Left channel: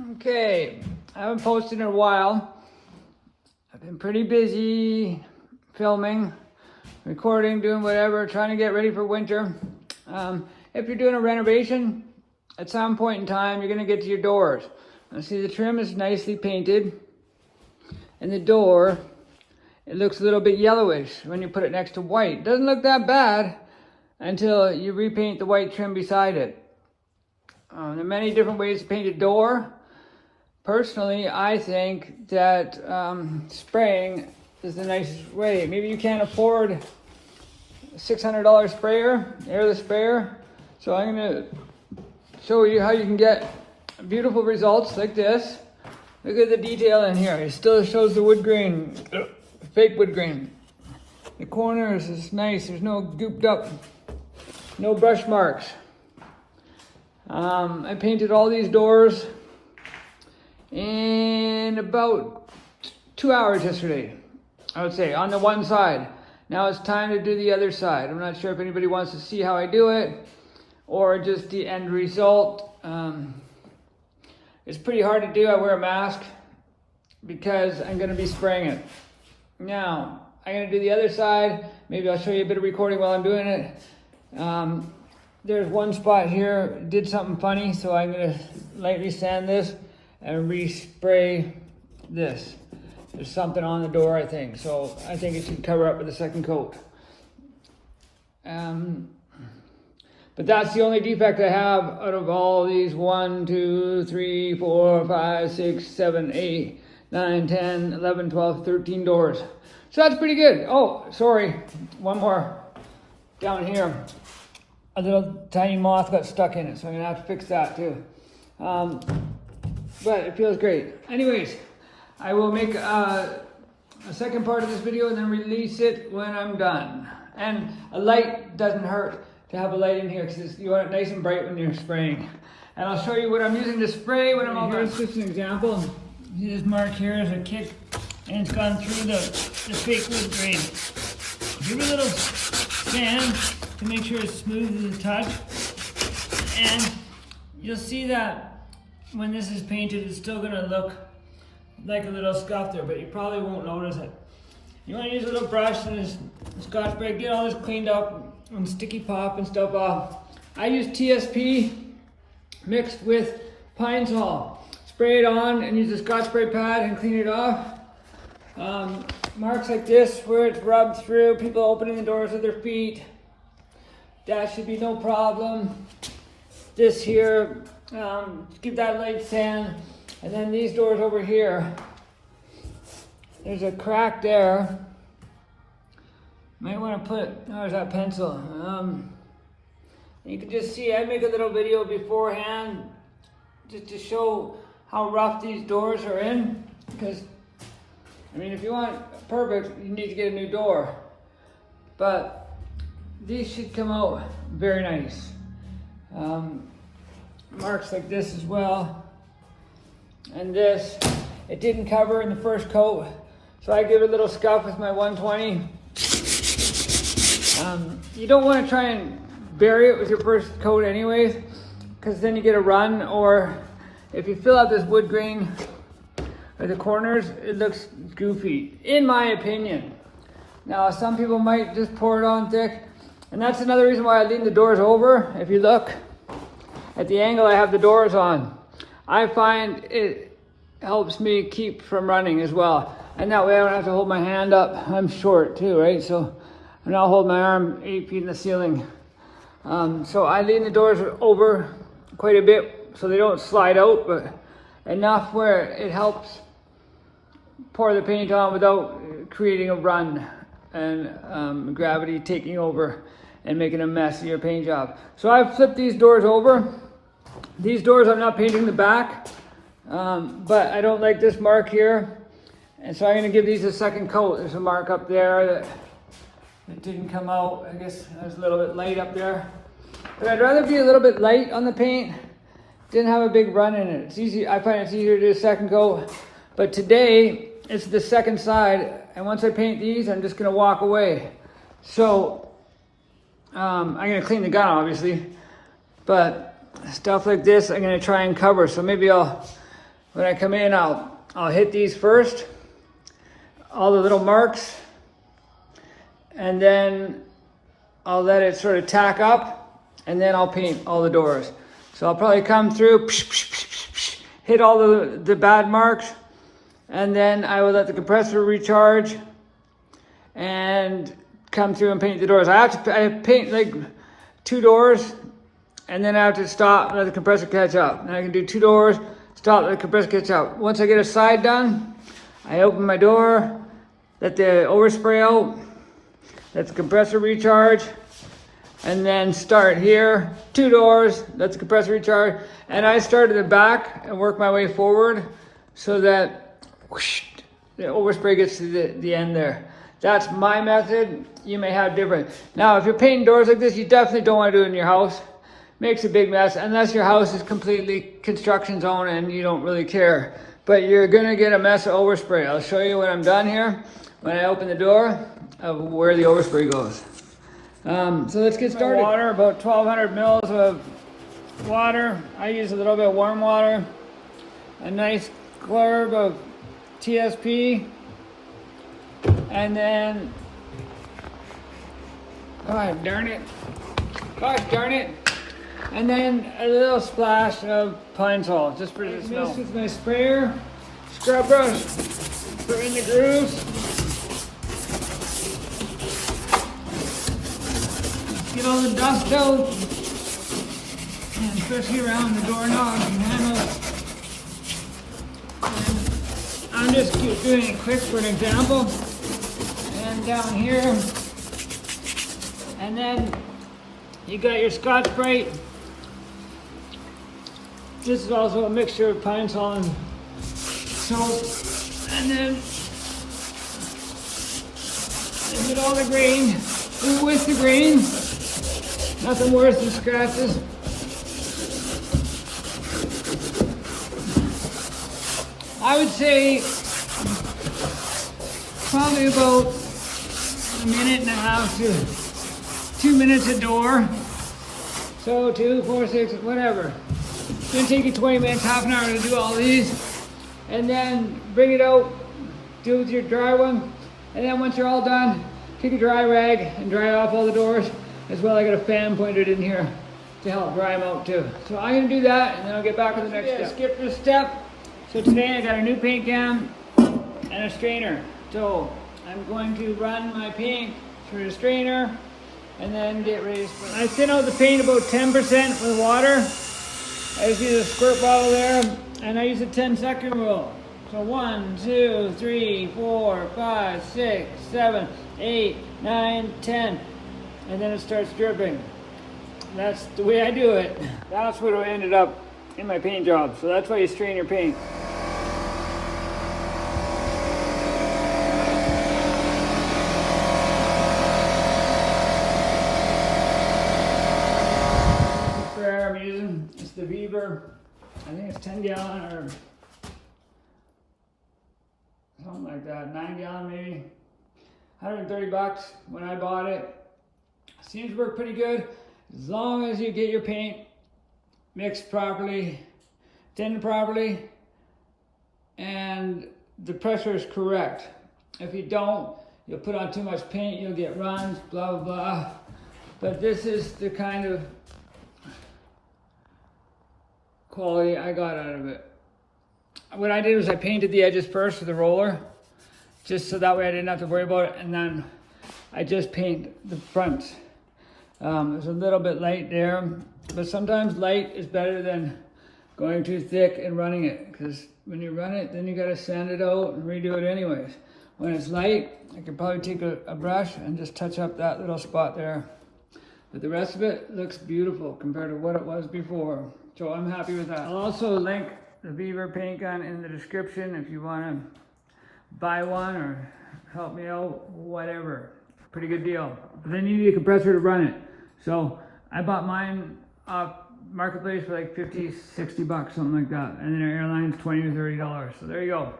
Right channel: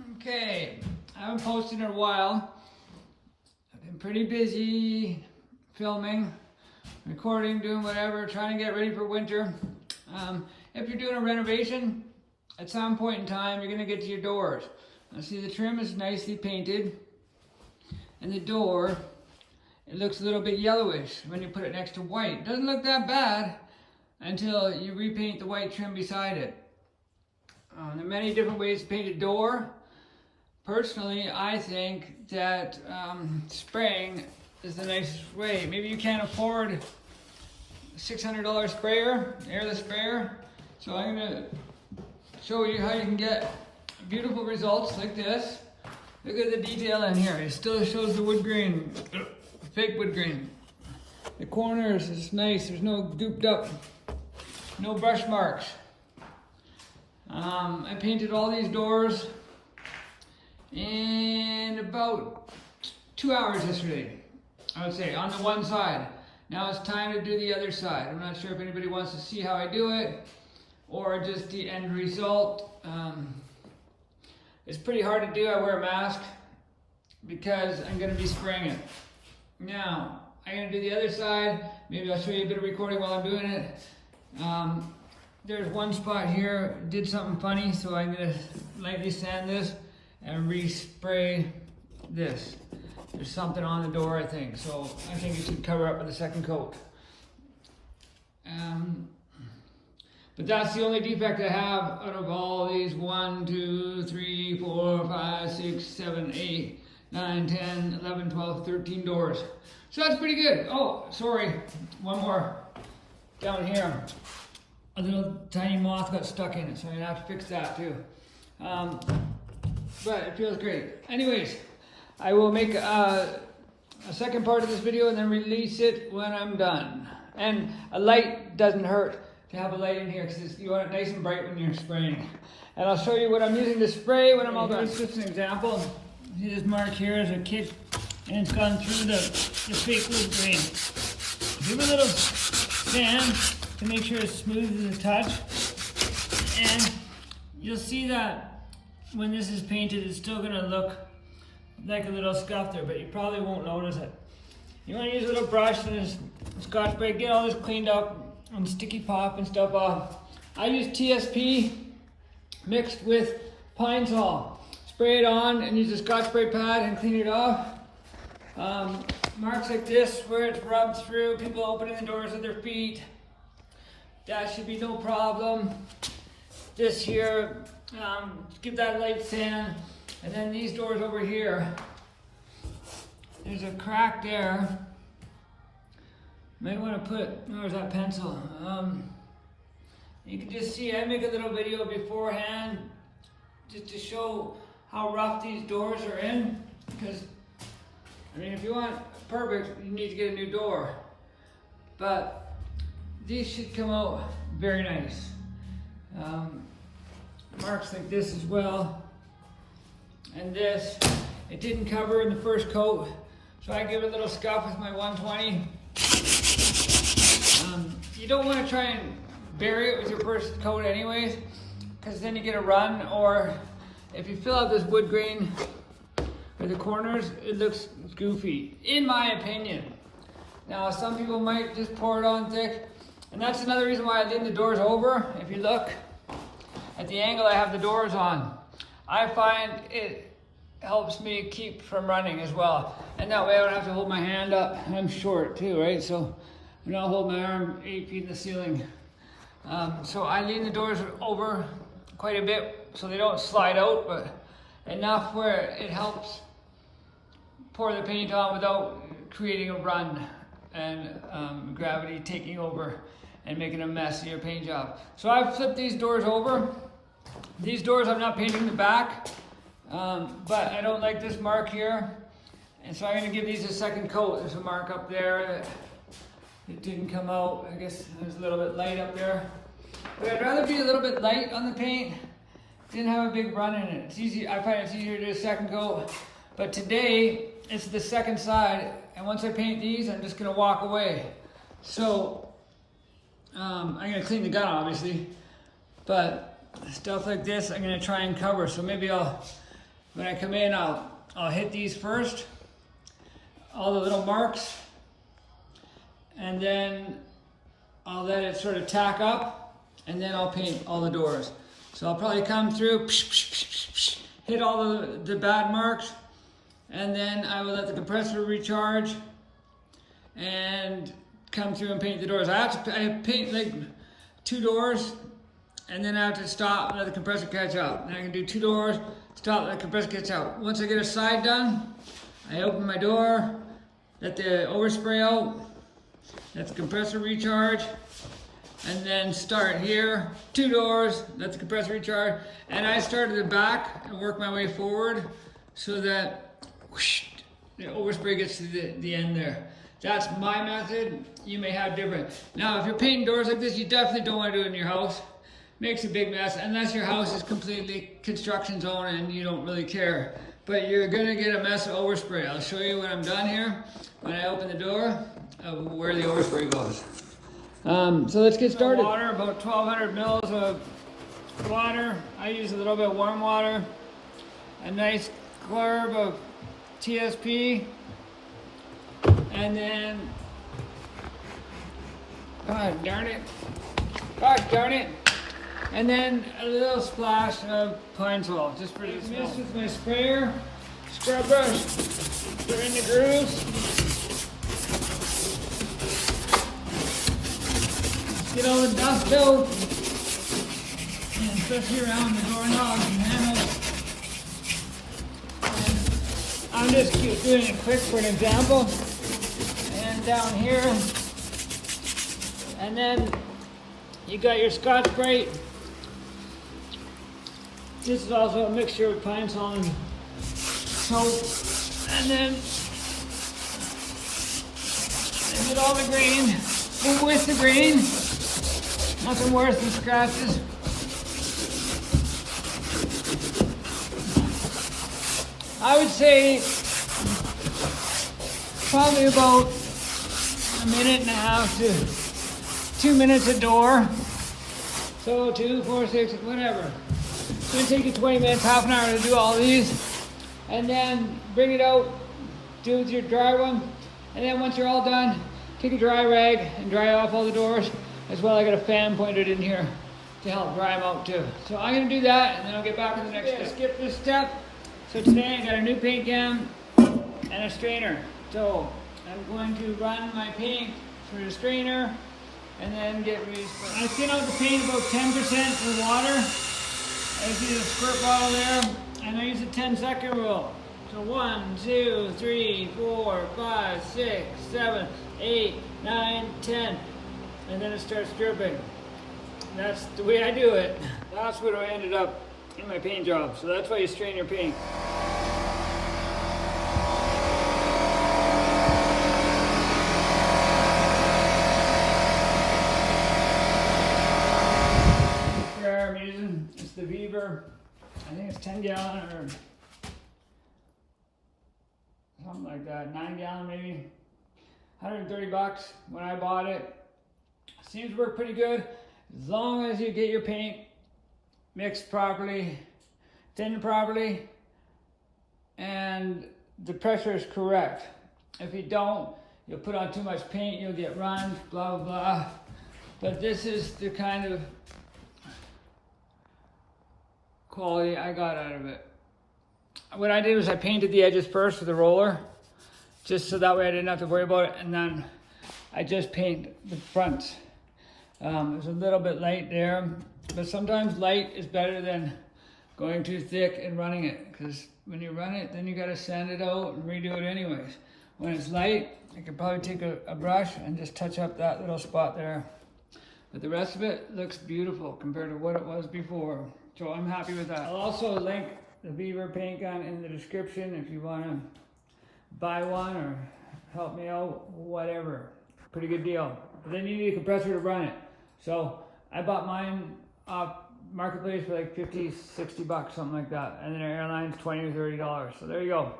Okay, I haven't posted in a while. I've been pretty busy filming, recording, doing whatever, trying to get ready for winter. If you're doing a renovation, at some point in time, you're gonna get to your doors. Now see, the trim is nicely painted, and the door, it looks a little bit yellowish when you put it next to white. It doesn't look that bad until you repaint the white trim beside it. There are many different ways to paint a door. Personally, I think that spraying is the nicest way. Maybe you can't afford a $600 sprayer, airless sprayer. So I'm gonna show you how you can get beautiful results like this. Look at the detail in here. It still shows the wood grain, fake wood grain. The corners is nice. There's no gooped up, no brush marks. I painted all these doors in about 2 hours yesterday, I would say, on the one side. Now it's time to do the other side. I'm not sure if anybody wants to see how I do it or just the end result. It's pretty hard to do. I wear a mask because I'm going to be spraying it. Now, I'm going to do the other side. Maybe I'll show you a bit of recording while I'm doing it. There's one spot here, did something funny, so I'm going to lightly sand this and respray this. There's something on the door, I think, so I think it should cover up with a second coat. But that's the only defect I have out of all these 1, 2, 3, 4, 5, 6, 7, 8, 9, 10, 11, 12, 13 doors. So that's pretty good. Oh, sorry, one more down here. A little tiny moth got stuck in it, so I'm gonna have to fix that too. But it feels great. Anyways, I will make a second part of this video and then release it when I'm done. And a light doesn't hurt to have a light in here because you want it nice and bright when you're spraying. And I'll show you what I'm using to spray when I'm all done. Here's just an example. See this mark here is a kick, and it's gone through the fake wood grain. Give it a little sand to make sure it's smooth as a touch. And you'll see that when this is painted, it's still gonna look like a little scuff there, but you probably won't notice it. You wanna use a little brush and this Scotch Brite, get all this cleaned up and sticky pop and stuff off. I use TSP mixed with Pine Sol. Spray it on and use a Scotch Brite pad and clean it off. Marks like this where it's rubbed through, people opening the doors with their feet, that should be no problem. This here, give that light sand. And then these doors over here, there's a crack there. Might want to put, oh, there's that pencil. You can just see, I make a little video beforehand just to show how rough these doors are in. Because, I mean, if you want perfect, you need to get a new door. But these should come out very nice. Marks like this as well. And this, it didn't cover in the first coat, so I give it a little scuff with my 120. You don't want to try and bury it with your first coat anyways, because then you get a run, or if you fill out this wood grain or the corners, it looks goofy, in my opinion. Now, some people might just pour it on thick, and that's another reason why I leave the doors over. If you look at the angle I have the doors on, I find it helps me keep from running as well. And that way I don't have to hold my hand up. I'm short too, right? So I'm not holding my arm 8 feet in the ceiling. So I lean the doors over quite a bit so they don't slide out, but enough where it helps pour the paint on without creating a run and gravity taking over and making a mess of your paint job. So I've flipped these doors over. These doors I'm not painting the back, but I don't like this mark here. And so I'm gonna give these a second coat. There's a mark up there that it didn't come out. I guess there's a little bit light up there. But I'd rather be a little bit light on the paint. Didn't have a big run in it. It's easy, I find it's easier to do a second coat. But today, it's the second side. And once I paint these, I'm just gonna walk away. So, I'm gonna clean the gun obviously, but stuff like this I'm gonna try and cover. So maybe I'll when I come in, I'll hit these first, all the little marks, and then I'll let it sort of tack up, and then I'll paint all the doors. So I'll probably come through, hit all the bad marks, and then I will let the compressor recharge and come through and paint the doors. I paint like 2 doors, and then I have to stop and let the compressor catch up. And I can do 2 doors, stop, let the compressor catch up. Once I get a side done, I open my door, let the overspray out, let the compressor recharge, and then start here, 2 doors, let the compressor recharge, and I start at the back and work my way forward so that whoosh, the overspray gets to the end there. That's my method. You may have different. Now, if you're painting doors like this, you definitely don't want to do it in your house. Makes a big mess, unless your house is completely construction zone and you don't really care. But you're gonna get a mess of overspray. I'll show you when I'm done here, when I open the door, of where the overspray goes. So let's get started. Water, about 1,200 mils of water. I use a little bit of warm water, a nice glurb of TSP, and then, gosh darn it, and then a little splash of pine sol, just for the smell. This with my sprayer, scrub brush, throw in the grooves. Get all the dust out, and especially around the doorknobs and handles. And I'm just doing it quick for an example. And down here, and then you got your Scotch-Brite. This is also a mixture of pine sol and soap, and then all the grain with the grain. Nothing worse than scratches. I would say probably about 1.5 to 2 minutes a door. So 2, 4, 6, whatever. It's gonna take you 20 minutes, half an hour to do all these. And then bring it out, do it with your dry one. And then once you're all done, take a dry rag and dry off all the doors. As well, I got a fan pointed in here to help dry them out too. So I'm gonna do that, and then I'll get back to the next step. Skip this step. So today I got a new paint can and a strainer. So I'm going to run my paint through the strainer and then get ready to spray. I thin out the paint about 10% with water. I just use a squirt bottle there, and I use a 10-second rule. So 1, 2, 3, 4, 5, 6, 7, 8, 9, 10. And then it starts dripping. And that's the way I do it. That's what I ended up in my paint job. So that's why you strain your paint. The sprayer I'm using is the Weaver. I think it's 10 gallon or something like that. 9 gallon maybe. $130 when I bought it. Seems to work pretty good as long as you get your paint mixed properly, thinned properly, and the pressure is correct. If you don't, you'll put on too much paint, you'll get runs, blah, blah, blah. But this is the kind of quality I got out of it. What I did was I painted the edges first with a roller, just so that way I didn't have to worry about it, and then I just paint the fronts. There's a little bit light there, but sometimes light is better than going too thick and running it, because when you run it, then you got to sand it out and redo it anyways. When it's light, I could probably take a brush and just touch up that little spot there. But the rest of it looks beautiful compared to what it was before. So I'm happy with that. I'll also link the Weaver paint gun in the description if you want to buy one or help me out, whatever. Pretty good deal. But then you need a compressor to run it. So I bought mine off Marketplace for like $50, $60, something like that. And then Airline's $20 or $30. So there you go.